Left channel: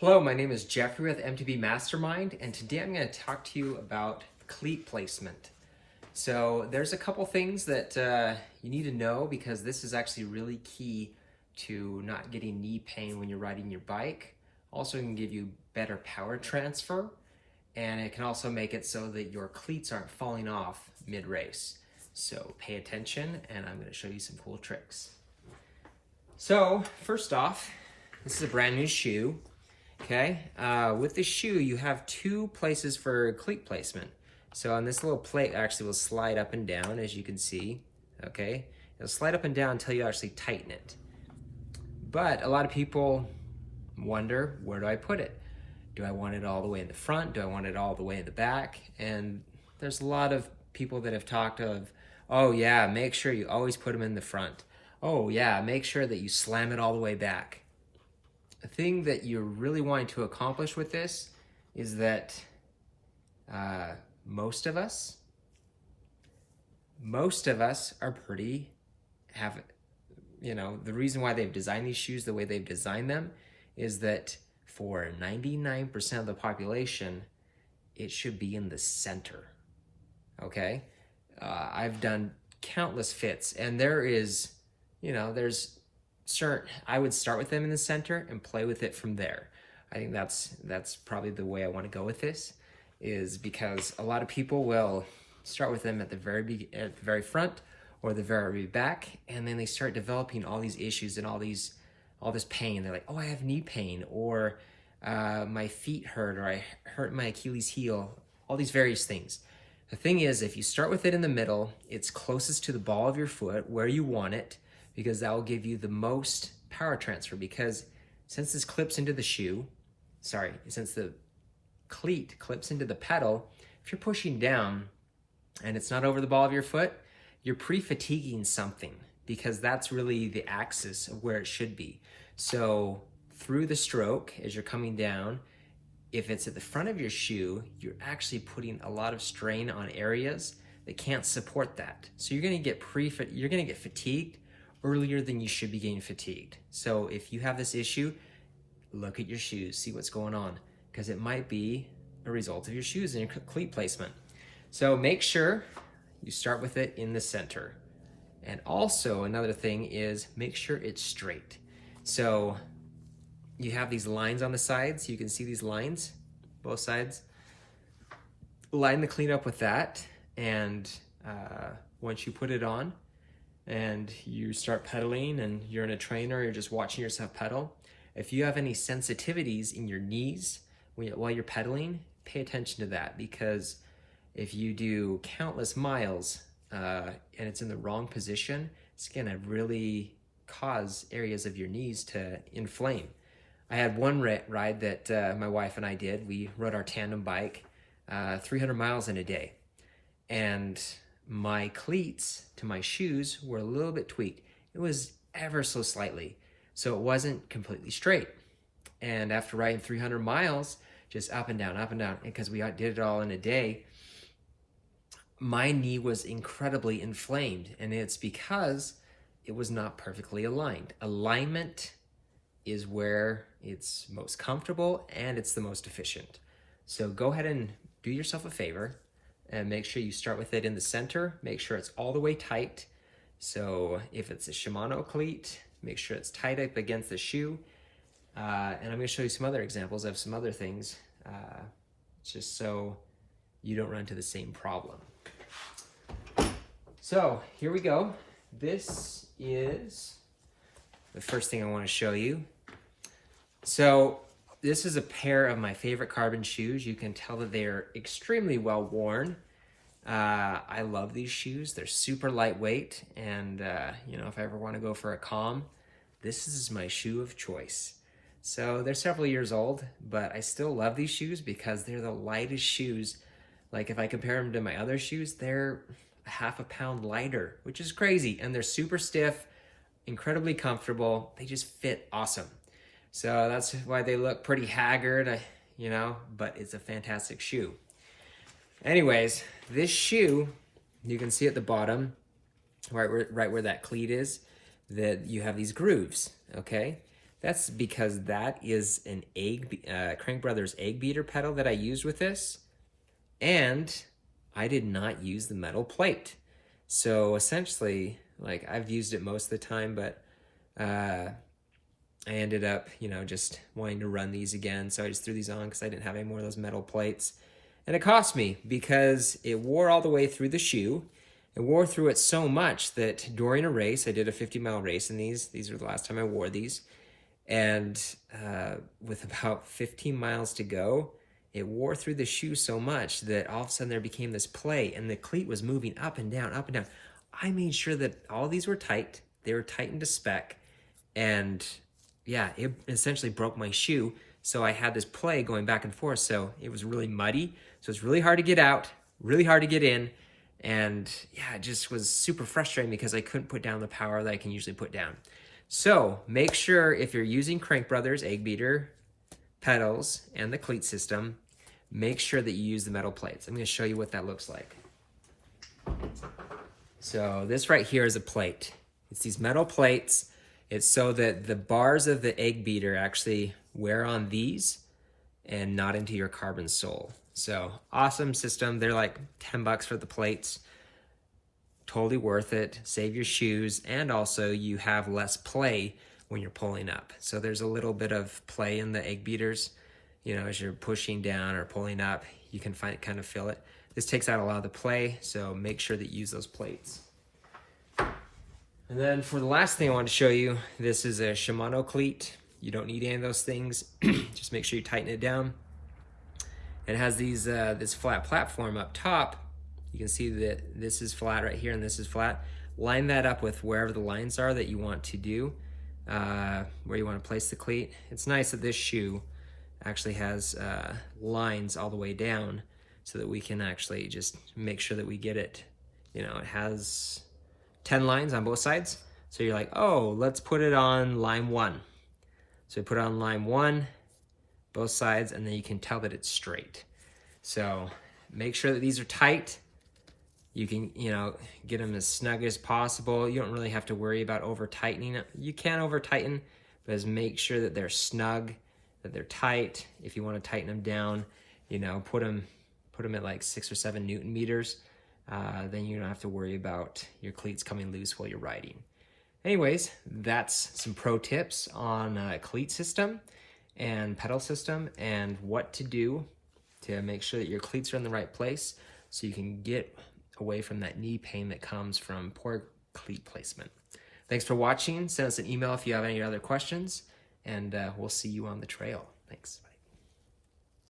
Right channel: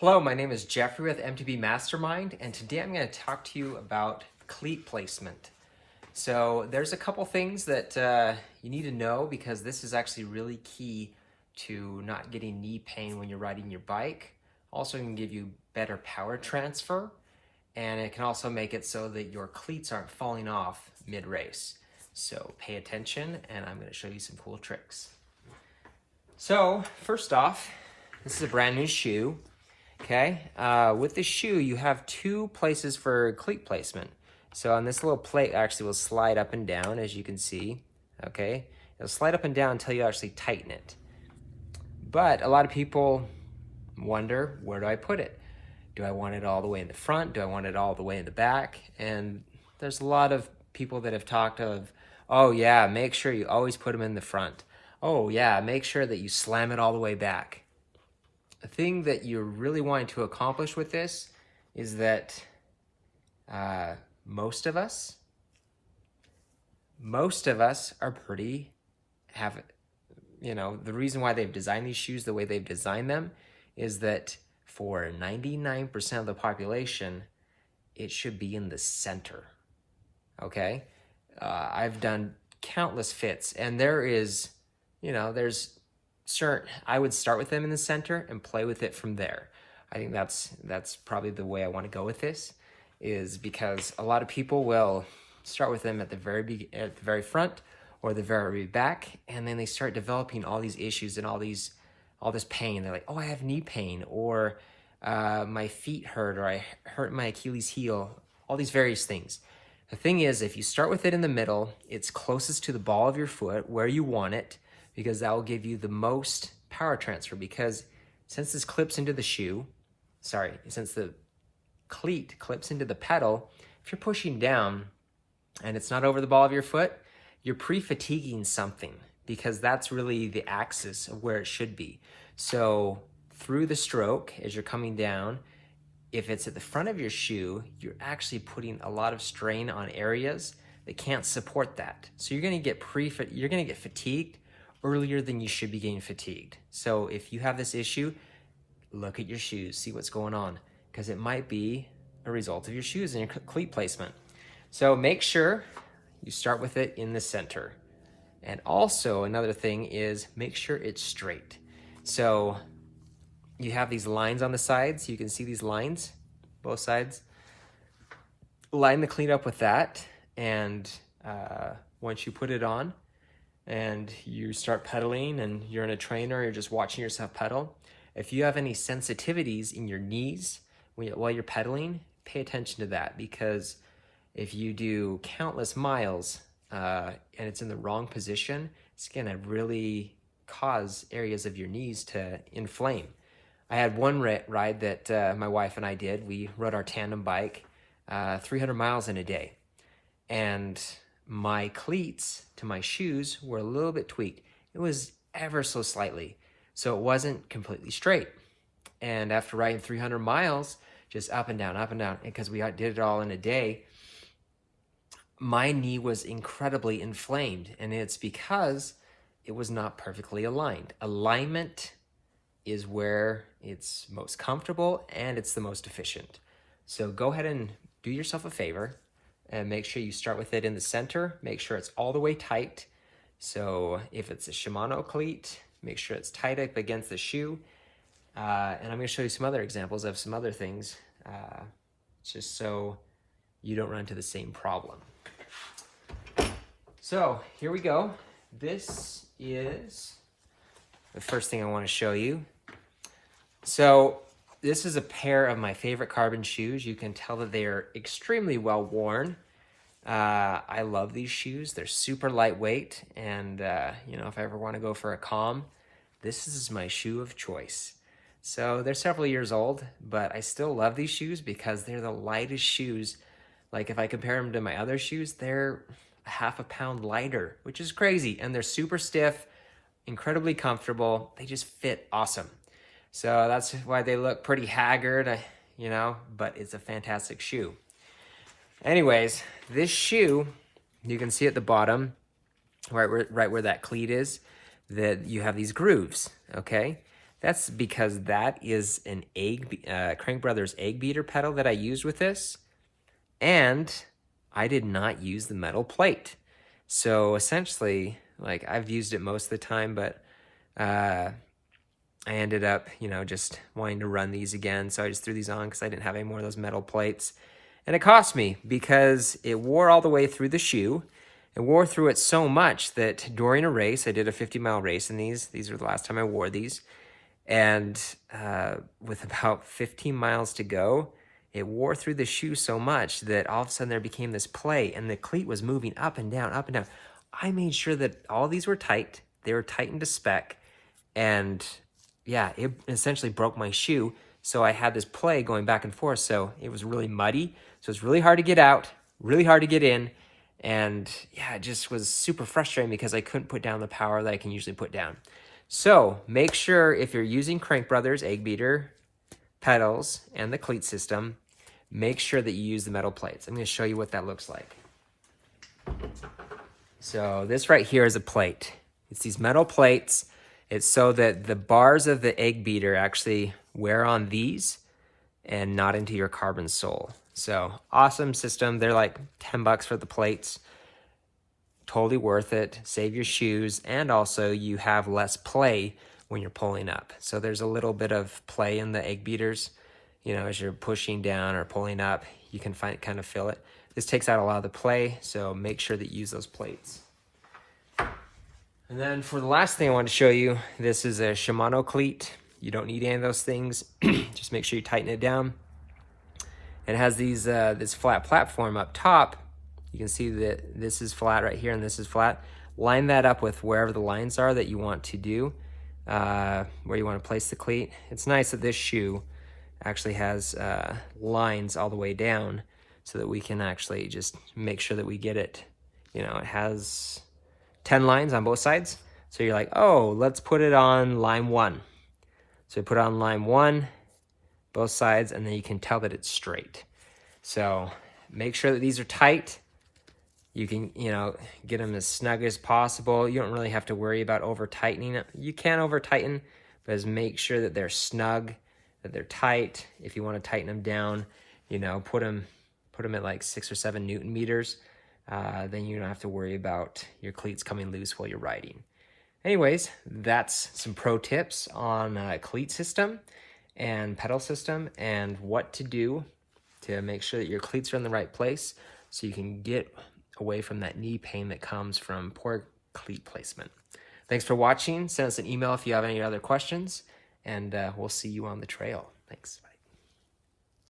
Hello, my name is Jeffrey with MTB Mastermind, and today I'm going to talk to you about cleat placement. So there's a couple things that you need to know because this is actually really key to not getting knee pain when you're riding your bike. Also, it can give you better power transfer, and it can also make it so that your cleats aren't falling off mid-race. So pay attention, and I'm going to show you some cool tricks. So first off, this is a brand new shoe. Okay, with the shoe, you have two places for cleat placement. So on this little plate actually will slide up and down, as you can see, okay? It'll slide up and down until you actually tighten it. But a lot of people wonder, where do I put it? Do I want it all the way in the front? Do I want it all the way in the back? And there's a lot of people that have talked of, oh yeah, make sure you always put them in the front. Oh yeah, make sure that you slam it all the way back. The thing that you're really wanting to accomplish with this is that most of us are the reason why they've designed these shoes the way they've designed them is that for 99% of the population, it should be in the center, okay? I've done countless fits, and there's I would start with them in the center and play with it from there. I think that's probably the way I want to go with this, is because a lot of people will start with them at the very front or the very back, and then they start developing all these issues and all this pain. They're like, oh, I have knee pain, or my feet hurt, or I hurt my Achilles heel, all these various things. The thing is, if you start with it in the middle, it's closest to the ball of your foot where you want it, because that will give you the most power transfer. Because since this clips into the since the cleat clips into the pedal, if you're pushing down and it's not over the ball of your foot, you're pre-fatiguing something, because that's really the axis of where it should be. So through the stroke, as you're coming down, if it's at the front of your shoe, you're actually putting a lot of strain on areas that can't support that. So you're gonna get fatigued earlier than you should be getting fatigued. So if you have this issue, look at your shoes, see what's going on, because it might be a result of your shoes and your cleat placement. So make sure you start with it in the center. And also another thing is make sure it's straight. So you have these lines on the sides. You can see these lines, both sides. Line the cleat up with that, and once you put it on, and you start pedaling and you're in a trainer, you're just watching yourself pedal. If you have any sensitivities in your knees while you're pedaling, pay attention to that, because if you do countless miles and it's in the wrong position, it's gonna really cause areas of your knees to inflame. I had one ride that my wife and I did. We rode our tandem bike 300 miles in a day. And my cleats to my shoes were a little bit tweaked. It was ever so slightly. So it wasn't completely straight. And after riding 300 miles, just up and down, because we did it all in a day, my knee was incredibly inflamed. And it's because it was not perfectly aligned. Alignment is where it's most comfortable and it's the most efficient. So go ahead and do yourself a favor and make sure you start with it in the center. Make sure it's all the way tight. So if it's a Shimano cleat, make sure it's tight up against the shoe. And I'm gonna show you some other examples of some other things, just so you don't run into the same problem. So here we go. This is the first thing I wanna show you. So this is a pair of my favorite carbon shoes. You can tell that they are extremely well worn. I love these shoes. They're super lightweight, and if I ever want to go for a calm, this is my shoe of choice. So they're several years old, but I still love these shoes because they're the lightest shoes. Like if I compare them to my other shoes, they're half a pound lighter, which is crazy. And they're super stiff, incredibly comfortable. They just fit awesome. So that's why they look pretty haggard, but it's a fantastic shoe. Anyways, this shoe, you can see at the bottom, right where that cleat is, that you have these grooves, okay? That's because that is an Crank Brothers Eggbeater pedal that I used with this, and I did not use the metal plate. So essentially, like, I've used it most of the time, but I ended up, just wanting to run these again. So I just threw these on because I didn't have any more of those metal plates. And it cost me because it wore all the way through the shoe. It wore through it so much that during a race, I did a 50-mile race in these. These were the last time I wore these. And with about 15 miles to go, it wore through the shoe so much that all of a sudden there became this play, and the cleat was moving up and down, up and down. I made sure that all these were tight. They were tightened to spec. And yeah, it essentially broke my shoe. So I had this play going back and forth. So it was really muddy. So it's really hard to get out, really hard to get in. And yeah, it just was super frustrating because I couldn't put down the power that I can usually put down. So make sure if you're using Crank Brothers Eggbeater pedals and the cleat system, make sure that you use the metal plates. I'm going to show you what that looks like. So this right here is a plate. It's these metal plates. It's so that the bars of the Eggbeater actually wear on these and not into your carbon sole. So awesome system. They're like 10 bucks for the plates. Totally worth it. Save your shoes, and also you have less play when you're pulling up. So there's a little bit of play in the Eggbeaters. As you're pushing down or pulling up, you can kind of feel it. This takes out a lot of the play, so make sure that you use those plates. And then for the last thing I want to show you, this is a Shimano cleat. You don't need any of those things. Just make sure you tighten it down. It has these this flat platform up top. You can see that this is flat right here and this is flat. Line that up with wherever the lines are that you want to do, where you want to place the cleat. It's nice that this shoe actually has lines all the way down so that we can actually just make sure that we get it. It has 10 lines on both sides. So you're like, oh, let's put it on line 1. So put it on line 1, both sides, and then you can tell that it's straight. So make sure that these are tight. You can, get them as snug as possible. You don't really have to worry about over-tightening it. You can over-tighten, but just make sure that they're snug, that they're tight. If you want to tighten them down, put them at like 6 or 7 Newton meters. Then you don't have to worry about your cleats coming loose while you're riding. Anyways, that's some pro tips on cleat system and pedal system and what to do to make sure that your cleats are in the right place so you can get away from that knee pain that comes from poor cleat placement. Thanks for watching. Send us an email if you have any other questions, and we'll see you on the trail. Thanks.